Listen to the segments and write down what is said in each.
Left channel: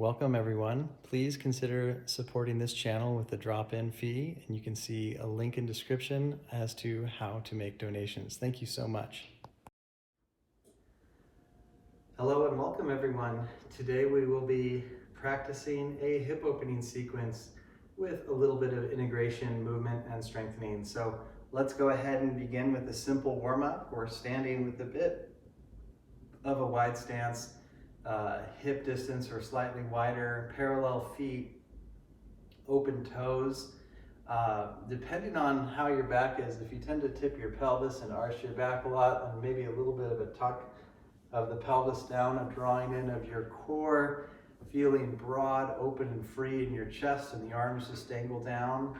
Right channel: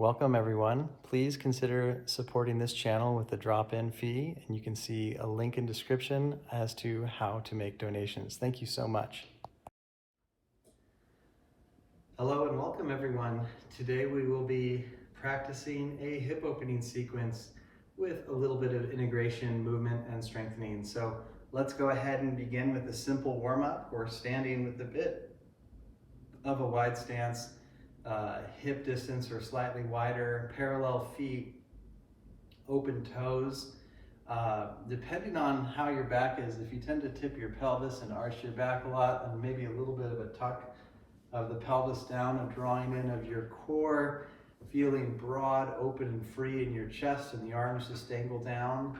Welcome everyone. Please consider supporting this channel with a drop-in fee, and you can see a link in description as to how to make donations. Thank you so much. Hello and welcome everyone. Today we will be practicing a hip opening sequence with a little bit of integration, movement, and strengthening. So let's go ahead and begin with a simple warm-up. We're standing with a bit of a wide stance, hip distance or slightly wider, parallel feet, open toes. Depending on how your back is, if you tend to tip your pelvis and arch your back a lot, then maybe a little bit of a tuck of the pelvis down, a drawing in of your core, feeling broad, open, and free in your chest, and the arms just angle down.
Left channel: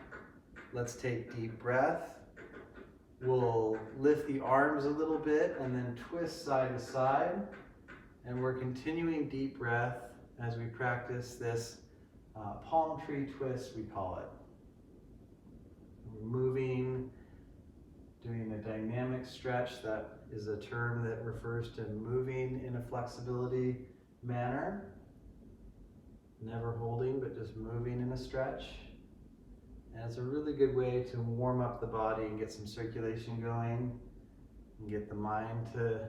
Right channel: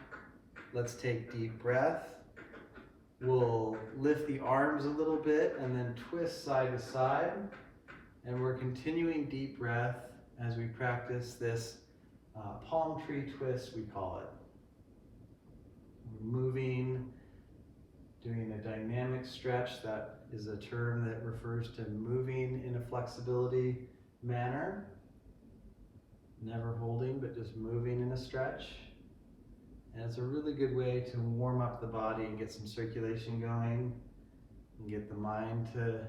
Let's take deep breath. We'll lift the arms a little bit and then twist side to side. And we're continuing deep breath as we practice this palm tree twist, we call it. We're moving, doing a dynamic stretch. That is a term that refers to moving in a flexibility manner. Never holding, but just moving in a stretch. And it's a really good way to warm up the body and get some circulation going and get the mind to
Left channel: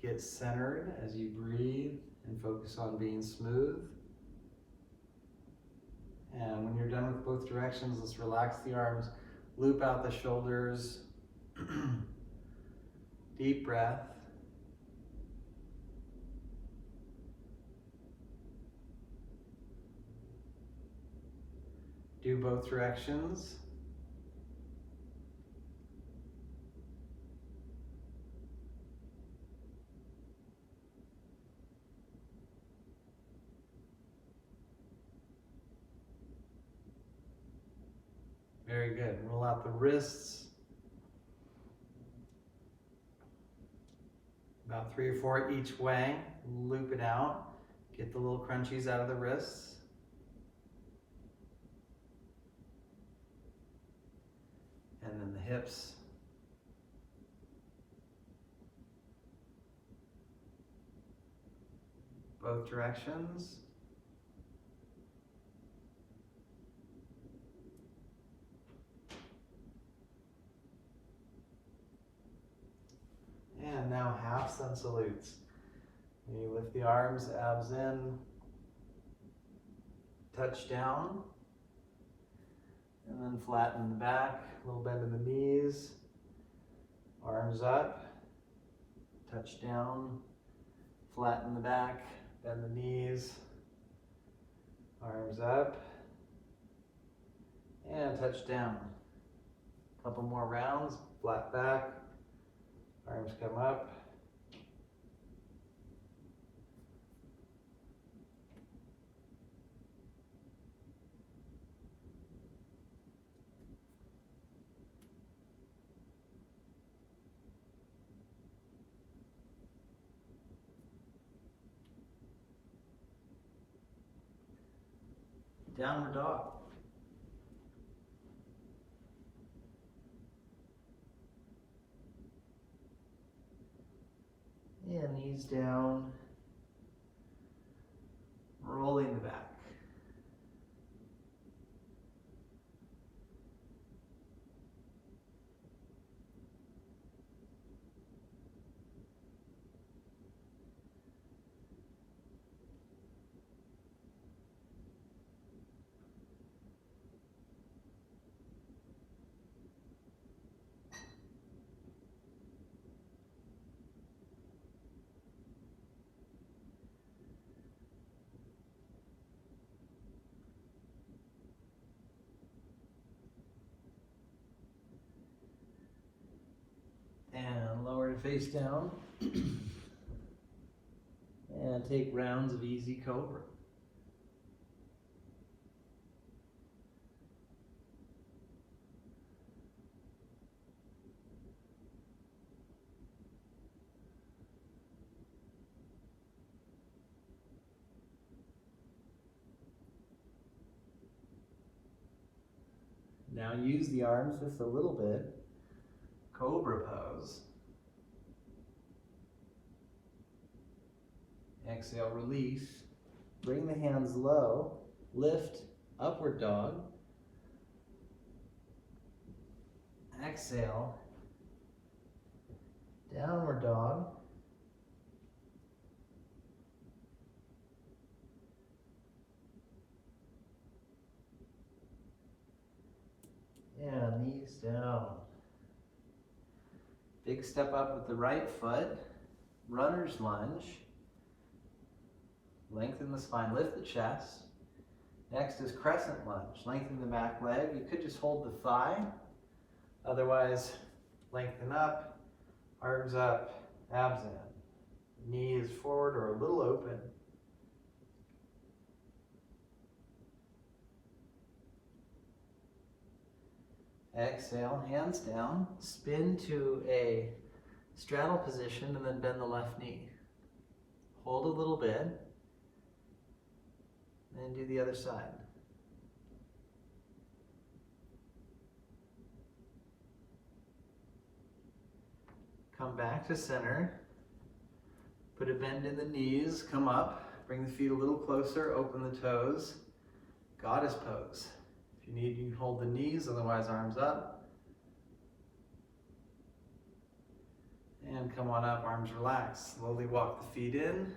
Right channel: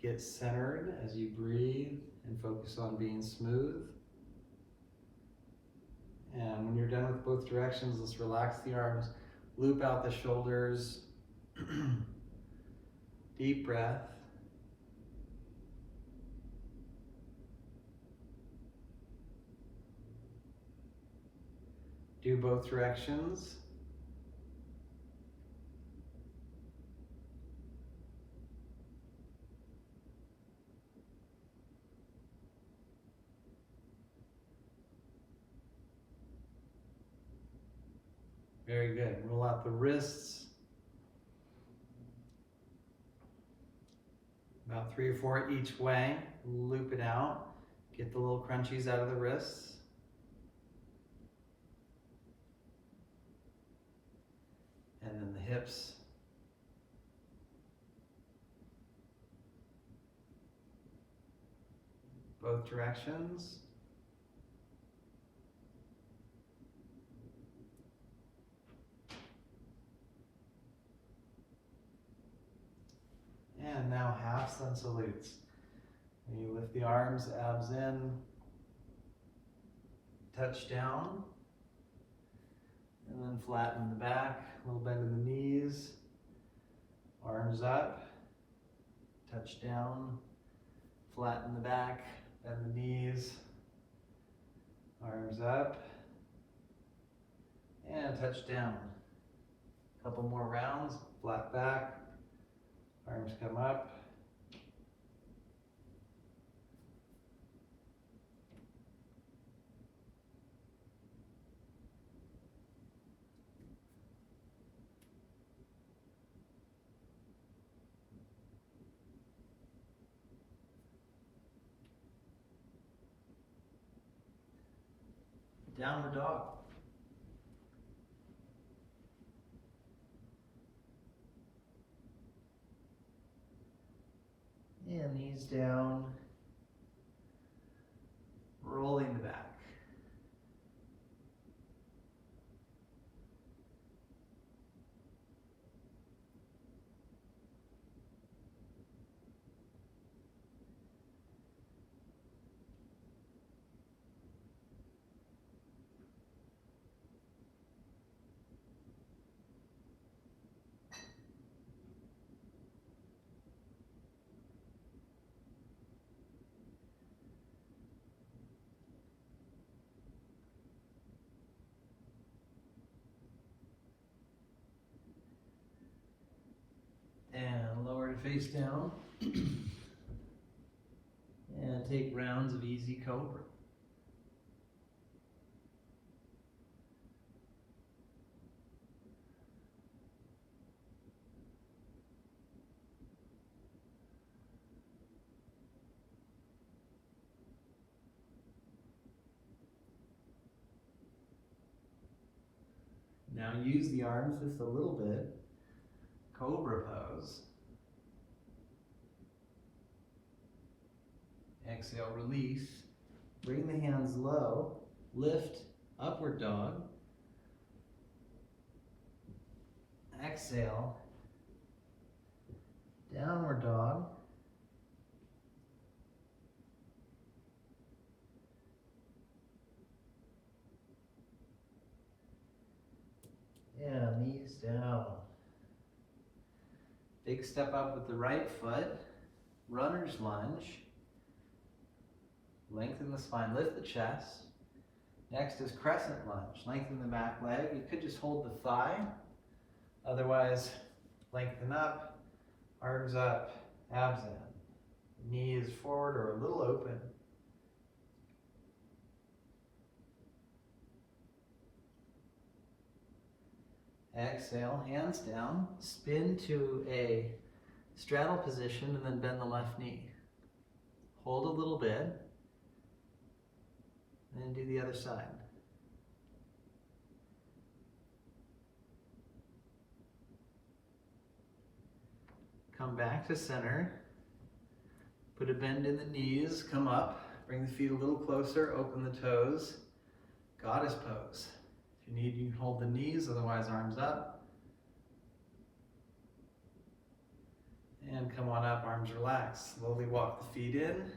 get centered as you breathe and focus on being smooth. And when you're done with both directions, let's relax the arms, loop out the shoulders. Deep breath. Do both directions. Very good. Roll out the wrists. About 3 or 4 each way. Loop it out. Get the little crunchies out of the wrists. And then the hips. Both directions. And now half sun salutes. And you lift the arms, abs in, touch down, and then flatten the back, a little bend in the knees, arms up, touch down, flatten the back, bend the knees, arms up, and touch down. Couple more rounds, flat back, arms come up. Downward dog. And knees down, rolling the back. And lower and face down. And take rounds of easy cobra. Now use the arms just a little bit. Cobra pose. Exhale, release. Bring the hands low, lift, upward dog. Exhale, downward dog. Yeah, knees down. Big step up with the right foot, runner's lunge. Lengthen the spine, lift the chest. Next is crescent lunge. Lengthen the back leg. You could just hold the thigh. Otherwise, lengthen up, arms up, abs in. Knees forward or a little open. Exhale, hands down. Spin to a straddle position and then bend the left knee. Hold a little bit. And do the other side. Come back to center. Put a bend in the knees, come up. Bring the feet a little closer, open the toes. Goddess pose. If you need, you can hold the knees, otherwise arms up. And come on up, arms relaxed. Slowly walk the feet in.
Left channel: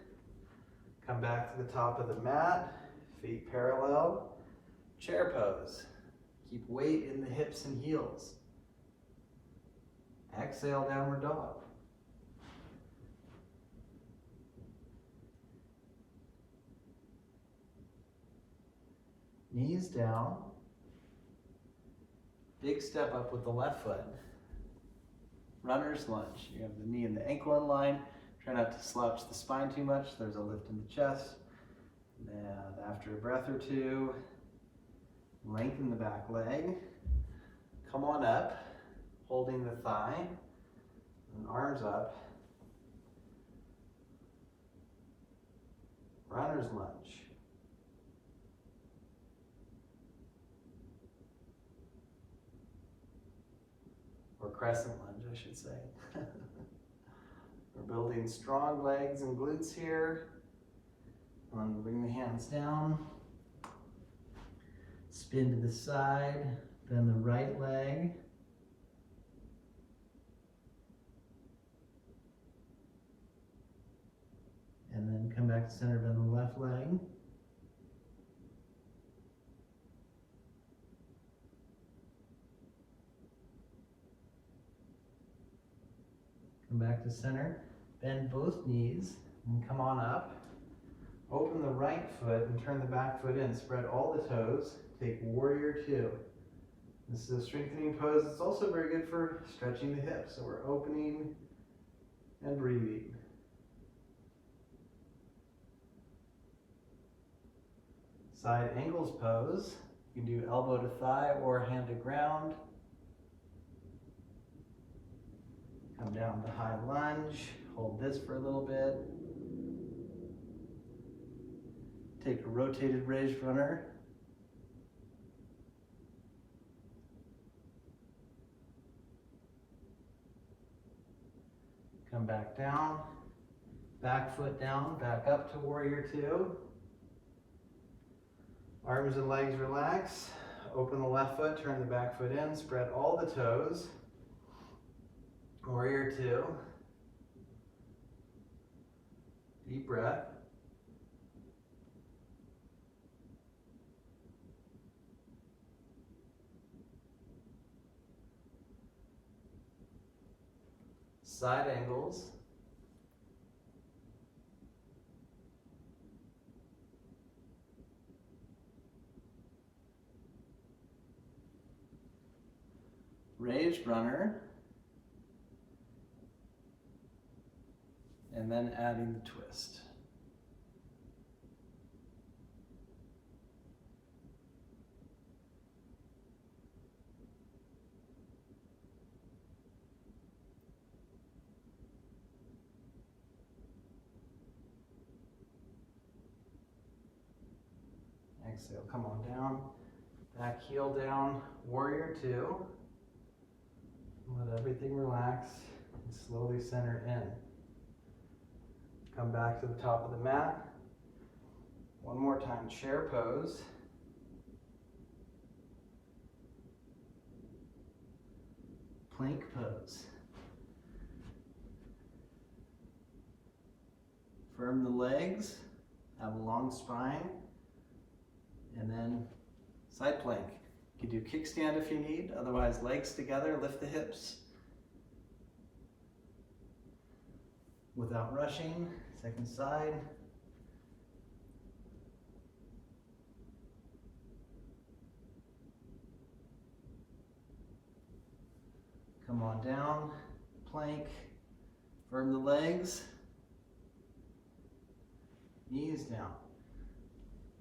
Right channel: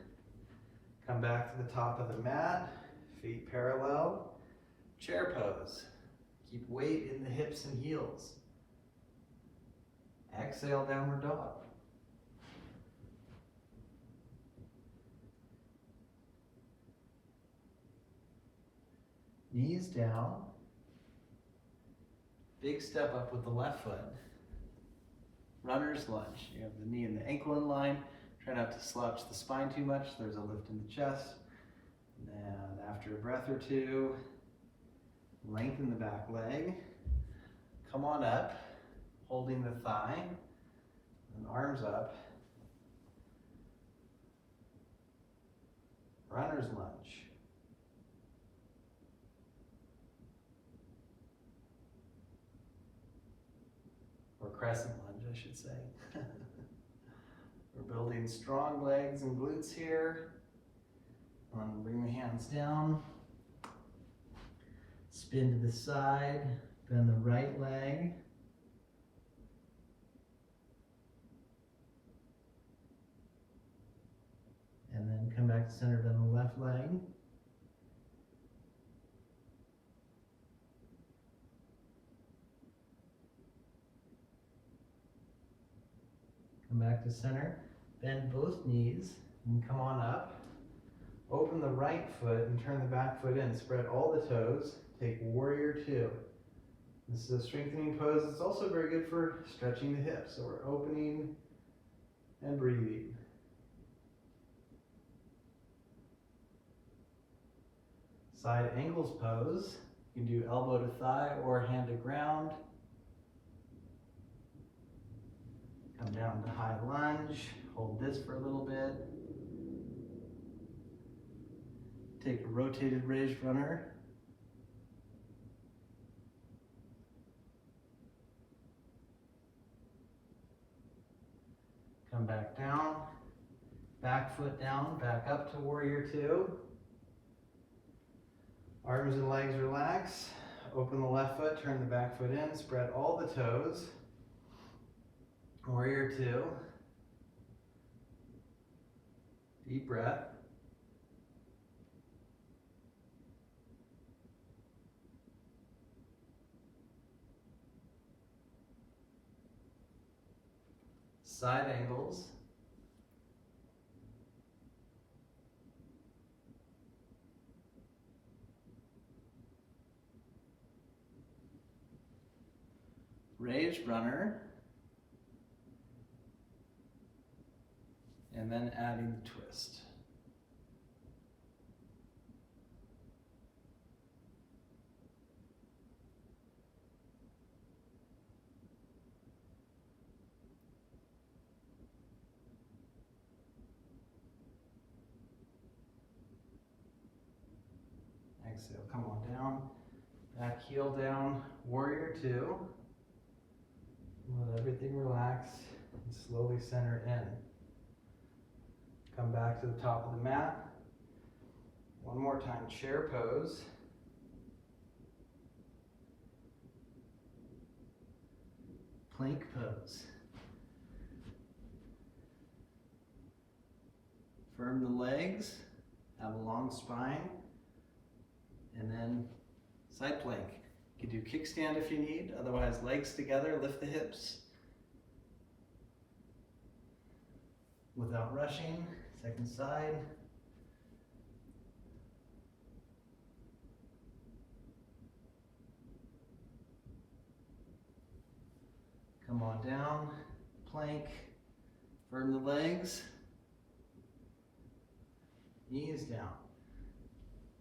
Come back to the top of the mat. Feet parallel, chair pose. Keep weight in the hips and heels. Exhale, downward dog. Knees down. Big step up with the left foot. Runner's lunge. You have the knee and the ankle in line. Try not to slouch the spine too much. There's a lift in the chest. And after a breath or two, lengthen the back leg. Come on up, holding the thigh, and arms up. Runner's lunge. Or crescent lunge, I should say. We're building strong legs and glutes here. Bring the hands down. Spin to the side, bend the right leg. And then come back to center, bend the left leg. Come back to center, bend both knees, and come on up. Open the right foot and turn the back foot in. Spread all the toes. Take warrior two. This is a strengthening pose. It's also very good for stretching the hips. So we're opening and breathing. Side angles pose. You can do elbow to thigh or hand to ground. Come down to high lunge. Hold this for a little bit. Take a rotated raised runner. Come back down. Back foot down, back up to warrior two. Arms and legs relax. Open the left foot, turn the back foot in, spread all the toes. Warrior two. Deep breath. Side angles. Raised runner. And then adding the twist. Exhale, come on down. Back heel down, warrior two. Let everything relax and slowly center in. Come back to the top of the mat. One more time, chair pose. Plank pose. Firm the legs, have a long spine, and then side plank. You can do kickstand if you need, otherwise legs together, lift the hips. Without rushing, second side. Come on down, plank, firm the legs, knees down,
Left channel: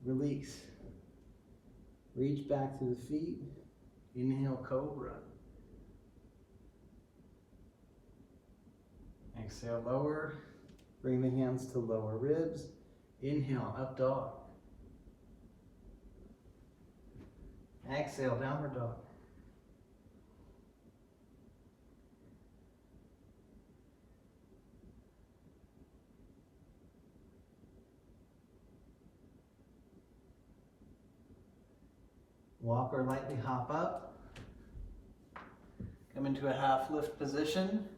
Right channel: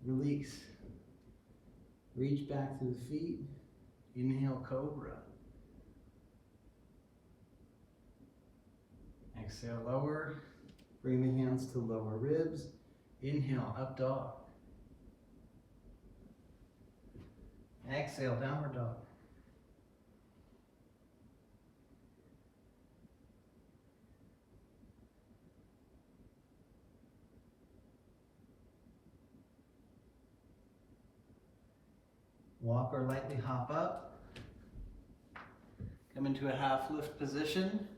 release, reach back to the feet, inhale cobra, exhale lower, bring the hands to lower ribs, inhale up dog, exhale downward dog. Walk or lightly hop up. Come into a half lift position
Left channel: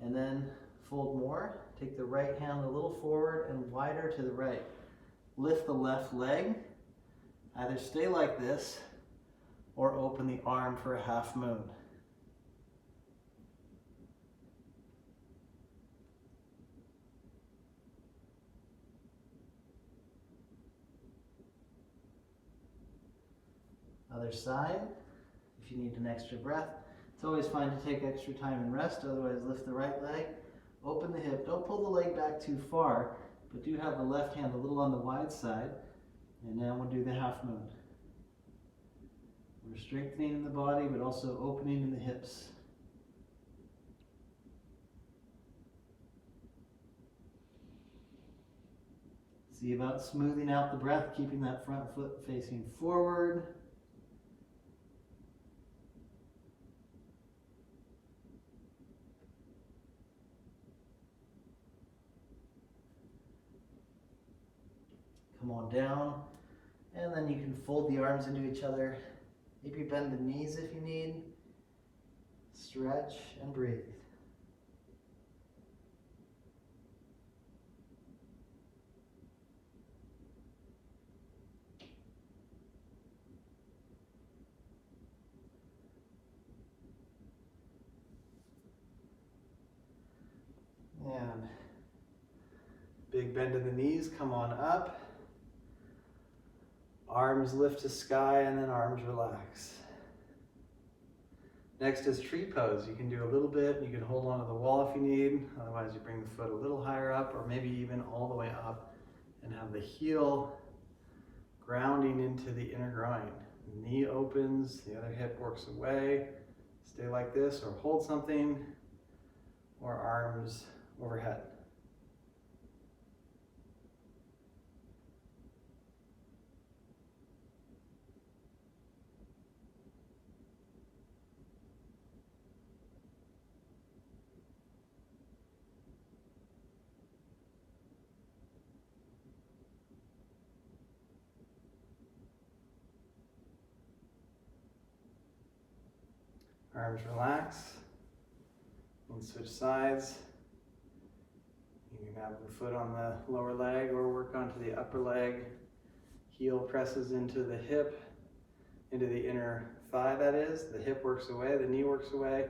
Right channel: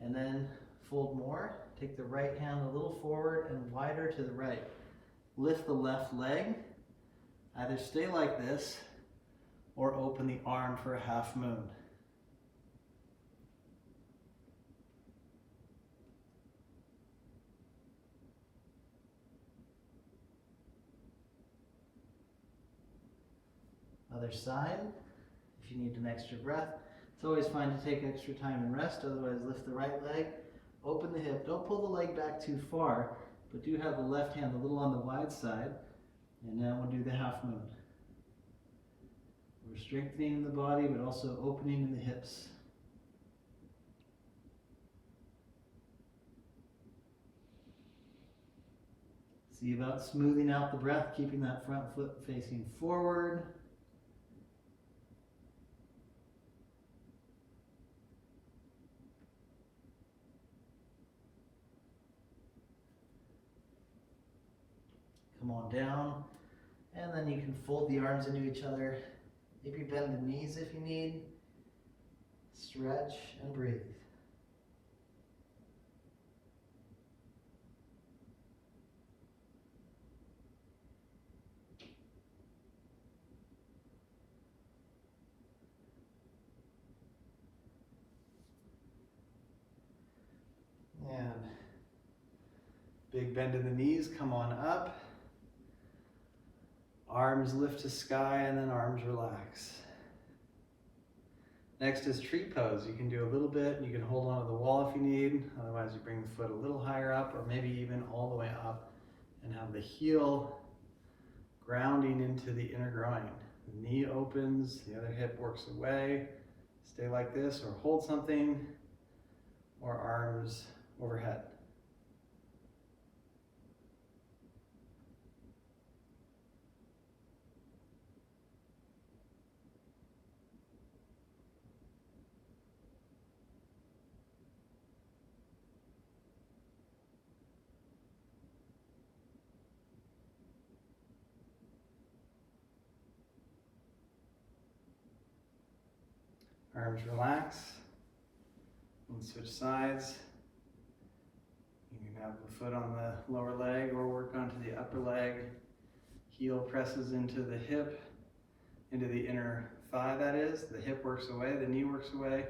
and then fold more. Take the right hand a little forward and wider to the right. Lift the left leg. Either stay like this or open the arm for a half moon. Other side, if you need an extra breath. It's always fine to take extra time and rest, otherwise lift the right leg, open the hip. Don't pull the leg back too far, but do have the left hand a little on the wide side. And now we'll do the half moon. We're strengthening the body, but also opening in the hips. See about smoothing out the breath, keeping that front foot facing forward. Come on down, and then you can fold the arms into each other. Maybe bend the knees if you need. Stretch and breathe. And big bend in the knees, come on up. Arms lift to sky and then arms relax. Next is tree pose. You can do a little bit, you can hold onto the wall if you need, otherwise you bring the foot a little higher up or maybe even all the way up and have the heel grounding into the inner groin. The knee opens, the other hip works away. Stay like this or hold something or arms overhead. Arms relax and switch sides. You can have the foot on the lower leg or work onto the upper leg. Heel presses into the hip, into the inner thigh that is. The hip works away, the knee works away,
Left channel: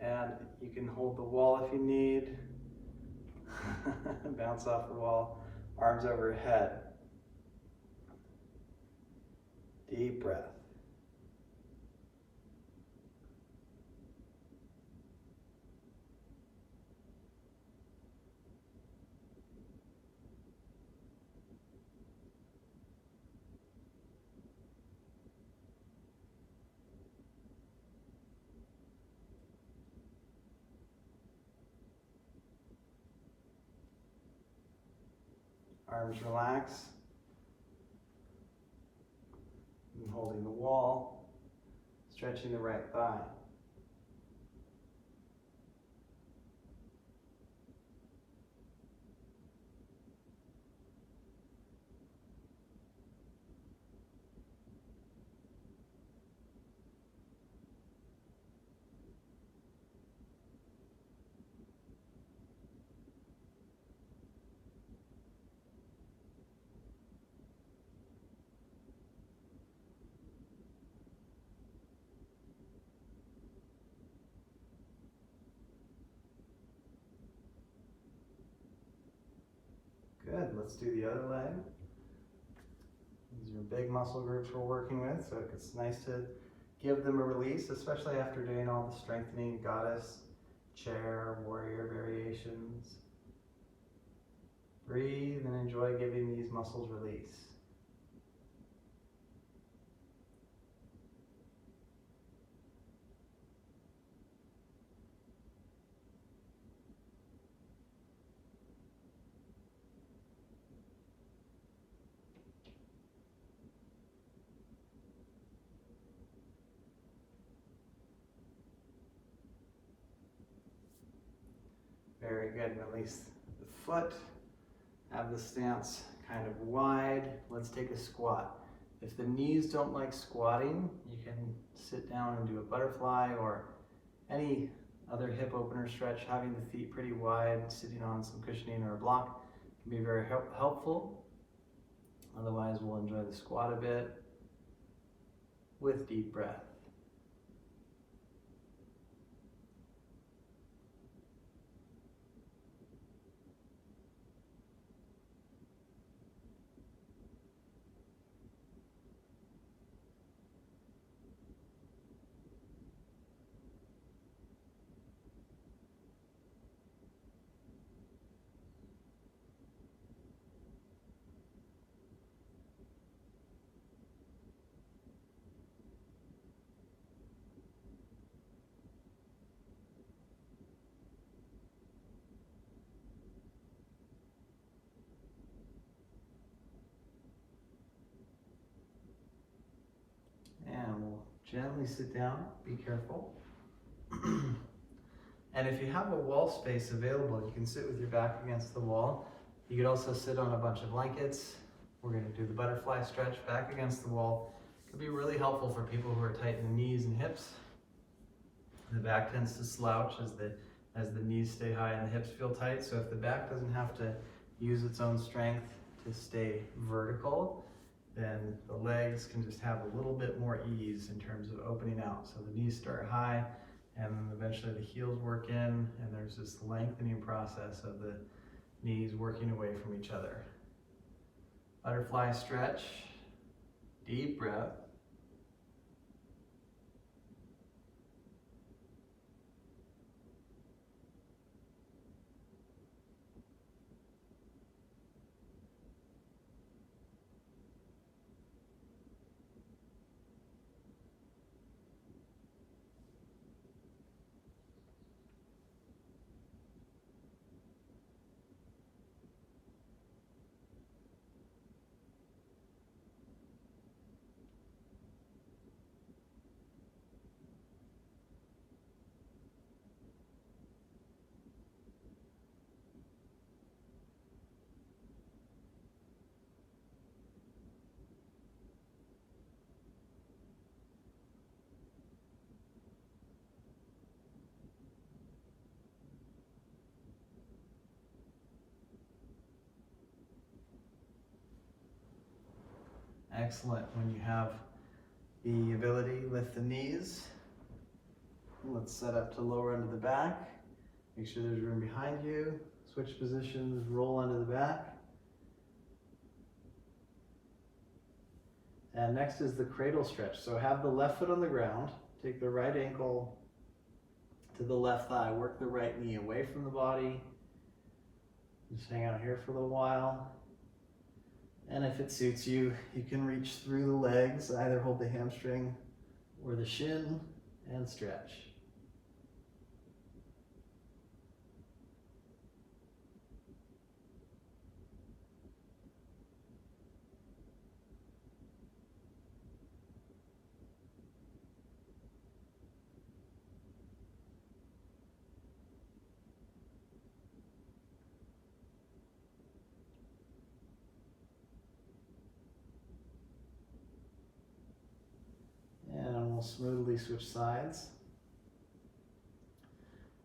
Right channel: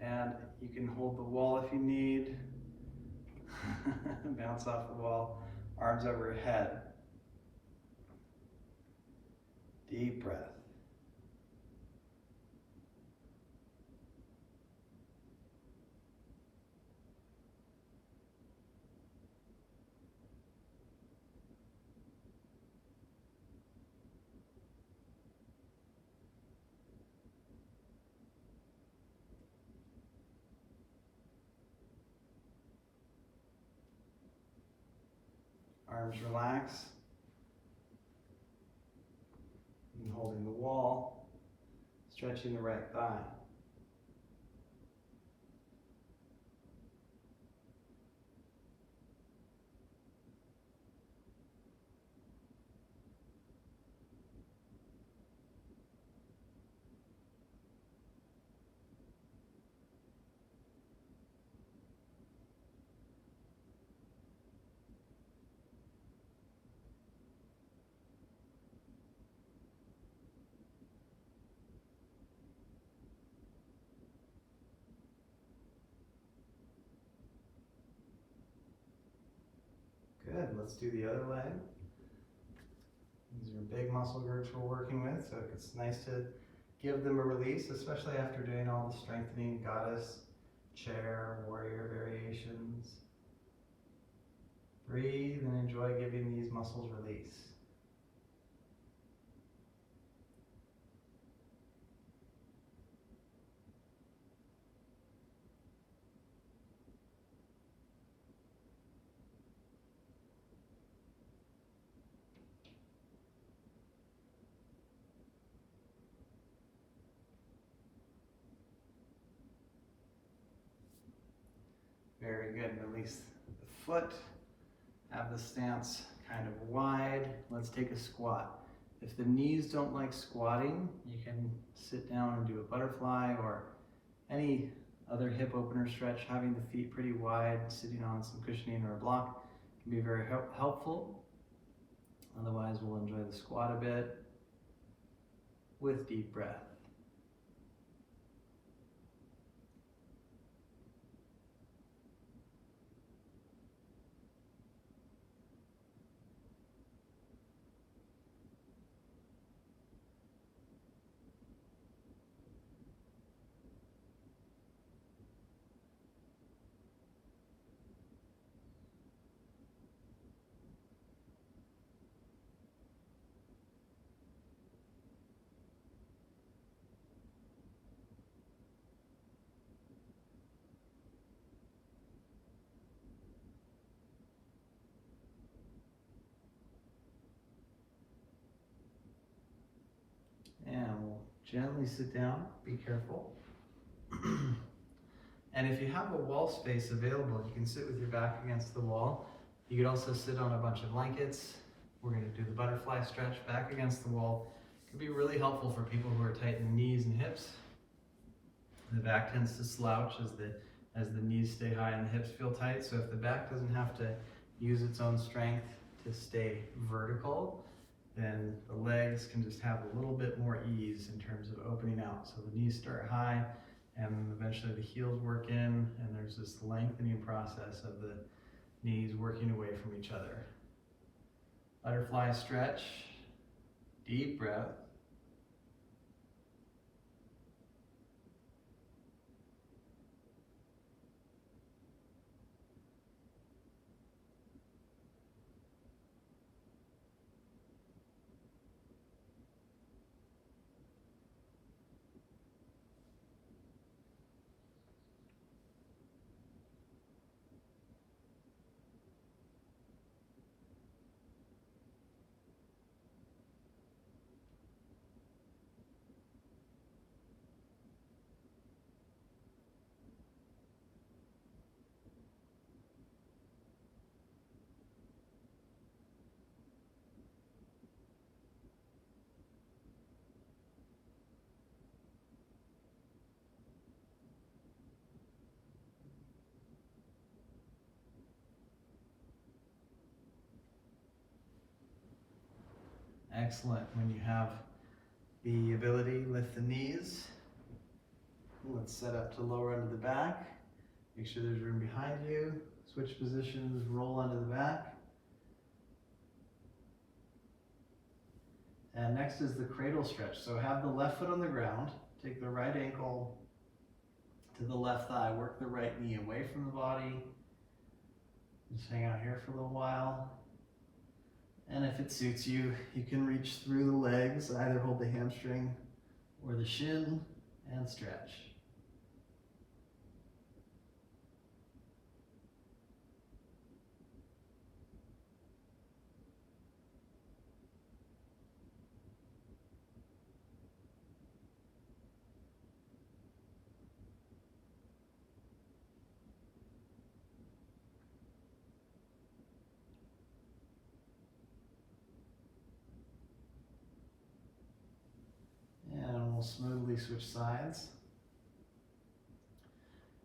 and you can hold the wall if you need. Bounce off the wall, arms overhead. Deep breath. Arms relax. And holding the wall, stretching the right thigh. Good, let's do the other leg. These are big muscle groups we're working with, so it's nice to give them a release, especially after doing all the strengthening goddess, chair, warrior variations. Breathe and enjoy giving these muscles release. Very good, release the foot. Have the stance kind of wide. Let's take a squat. If the knees don't like squatting, you can sit down and do a butterfly or any other hip opener stretch. Having the feet pretty wide, sitting on some cushioning or a block can be very helpful. Otherwise, we'll enjoy the squat a bit with deep breath. And we'll gently sit down, be careful. And if you have a wall space available, you can sit with your back against the wall. You could also sit on a bunch of blankets. We're going to do the butterfly stretch back against the wall. It can be really helpful for people who are tight in the knees and hips. The back tends to slouch as the knees stay high and the hips feel tight. So if the back doesn't have to use its own strength to stay vertical, then the legs can just have a little bit more ease in terms of opening out. So the knees start high, and then eventually the heels work in, and there's this lengthening process of the knees working away from each other. Butterfly stretch, deep breath. Excellent. When you have the ability, lift the knees. Let's set up to lower onto the back. Make sure there's room behind you. Switch positions, roll onto the back. And next is the cradle stretch. So have the left foot on the ground. Take the right ankle to the left thigh. Work the right knee away from the body. Just hang out here for a little while. And if it suits you, you can reach through the legs, either hold the hamstring or the shin and stretch. And we'll smoothly switch sides.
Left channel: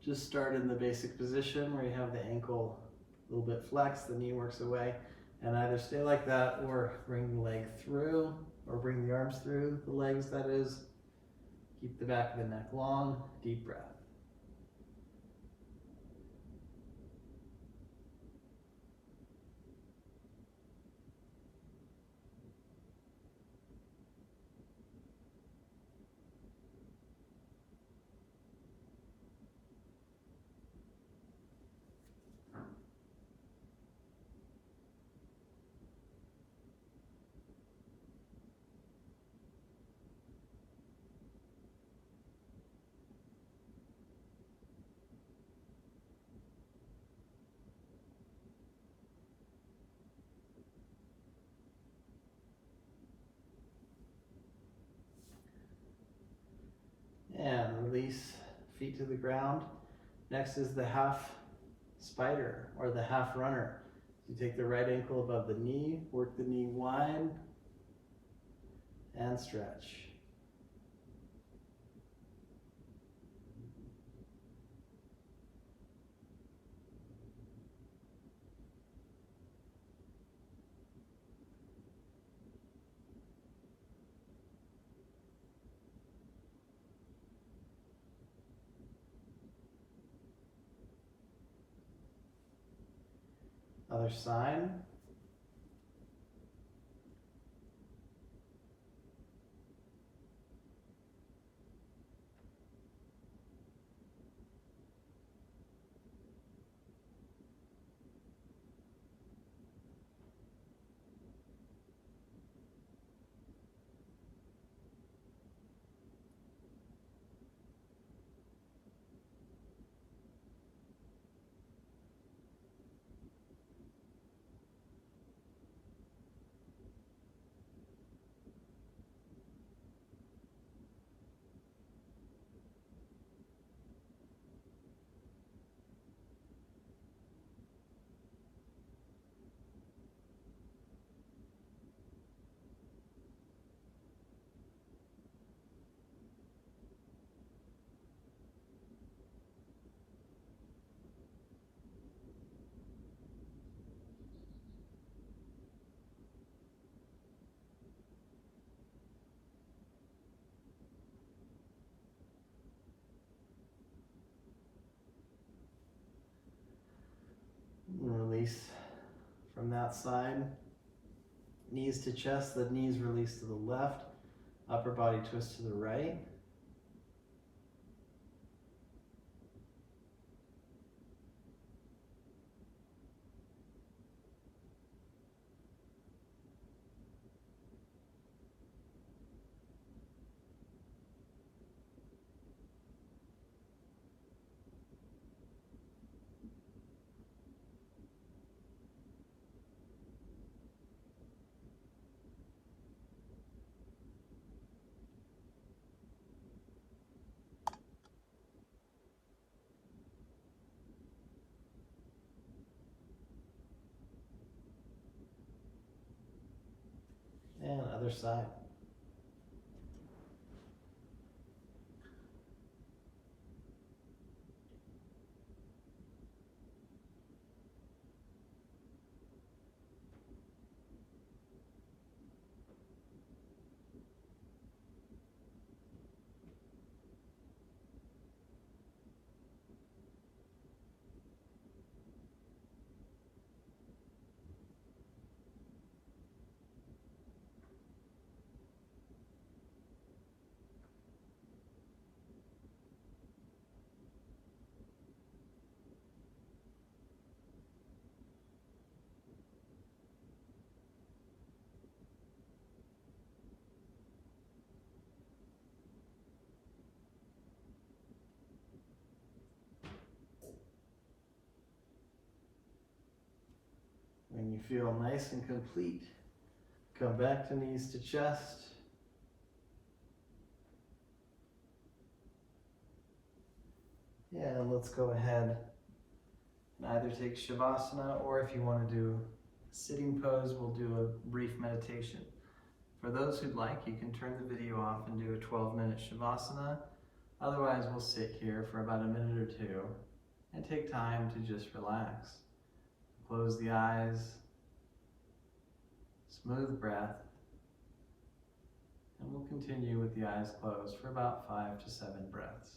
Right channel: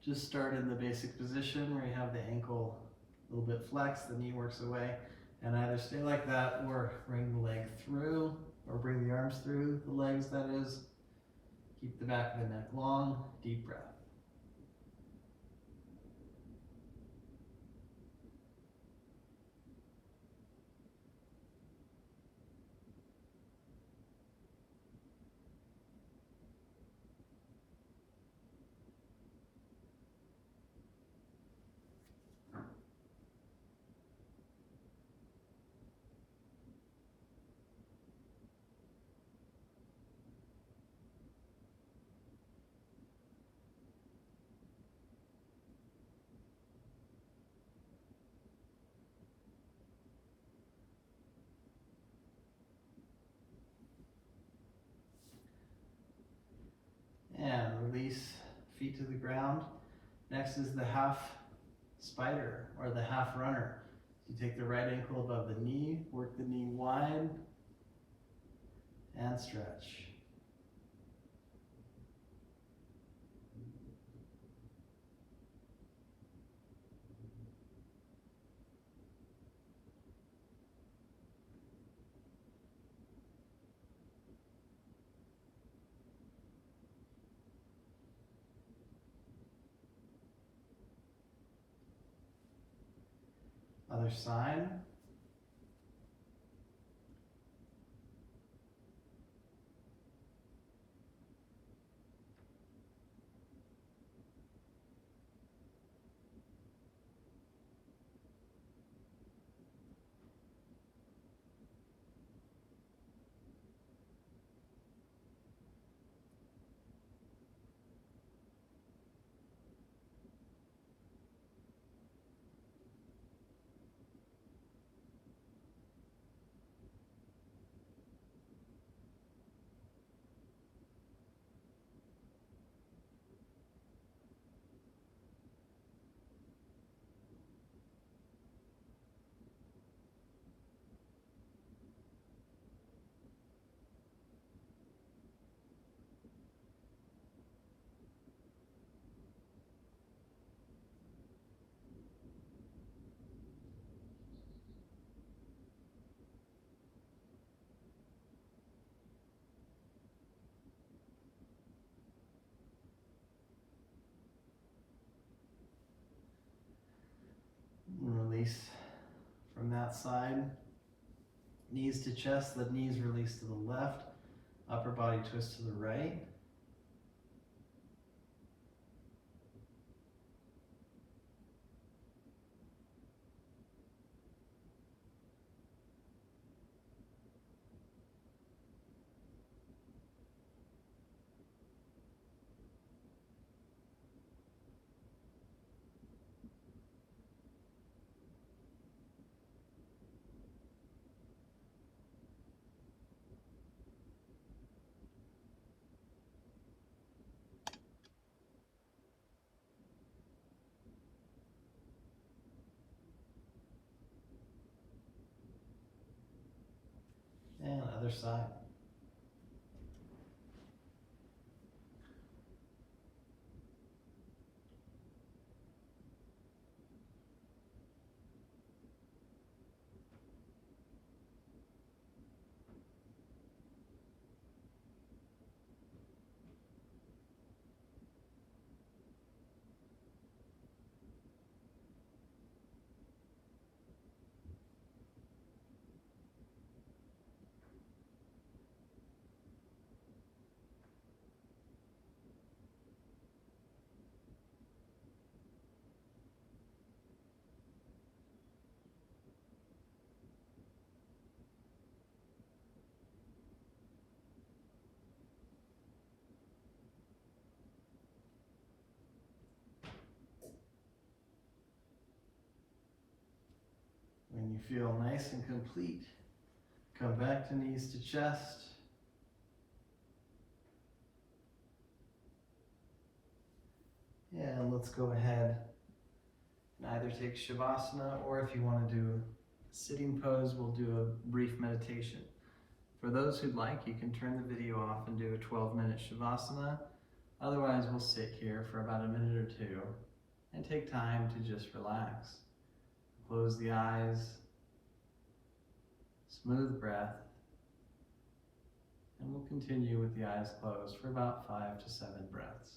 Just start in the basic position where you have the ankle a little bit flexed, the knee works away, and either stay like that or bring the leg through, or bring the arms through the legs, that is. Keep the back of the neck long, deep breath. feet to the ground. Next is the half spider or the half runner. You take the right ankle above the knee, work the knee wide, and stretch. Other side. And release from that side. Knees to chest, the knees release to the left. Upper body twist to the right. And other side. When you feel nice and complete, come back to knees to chest. And let's go ahead and either take Shavasana, or if you want to do a sitting pose, we'll do a brief meditation. For those who'd like, you can turn the video off and do a 12-minute Shavasana. Otherwise, we'll sit here for about a minute or two and take time to just relax. Close the eyes, smooth breath, and we'll continue with the eyes closed for about 5 to 7 breaths.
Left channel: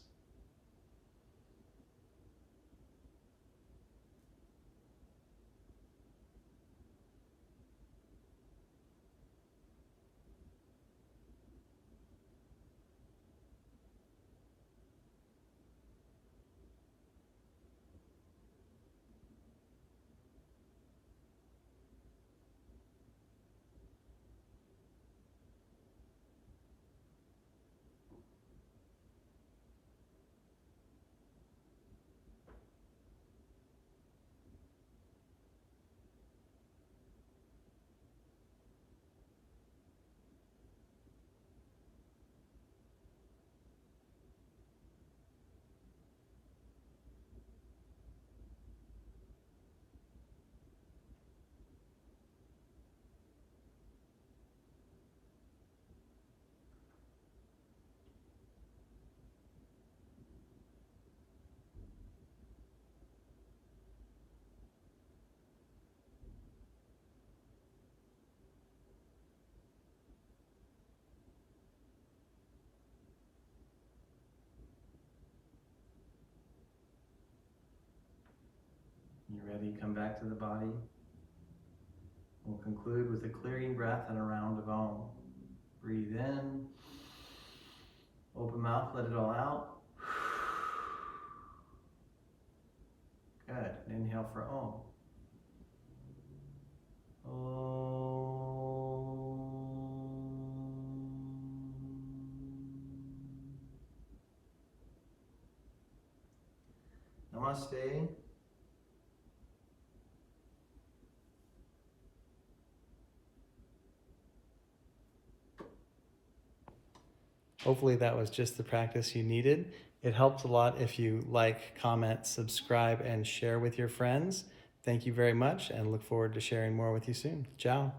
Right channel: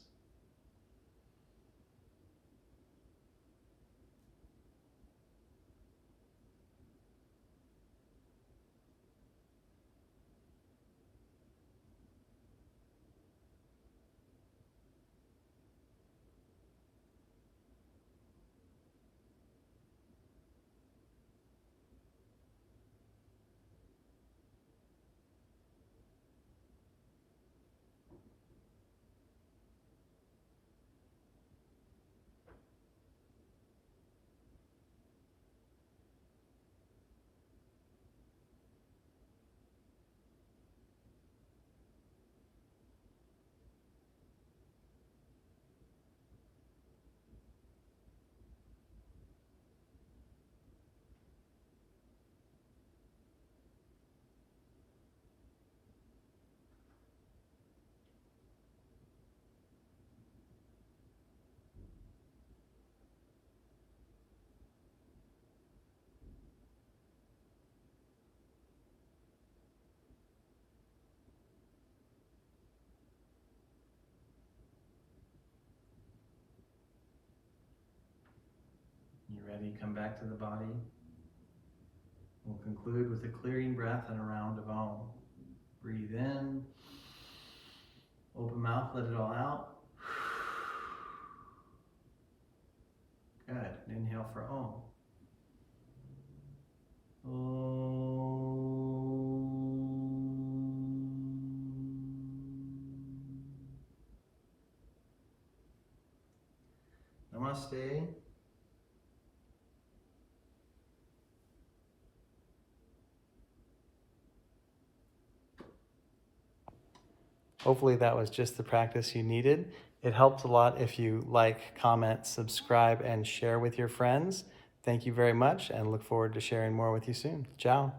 ready, come back to the body. We'll conclude with a clearing breath and a round of Om. Breathe in, open mouth, let it all out. Good. Inhale for Om. Namaste. Hopefully that was just the practice you needed. It helps a lot if you like, comment, subscribe, and share with your friends. Thank you very much, and look forward to sharing more with you soon. Ciao.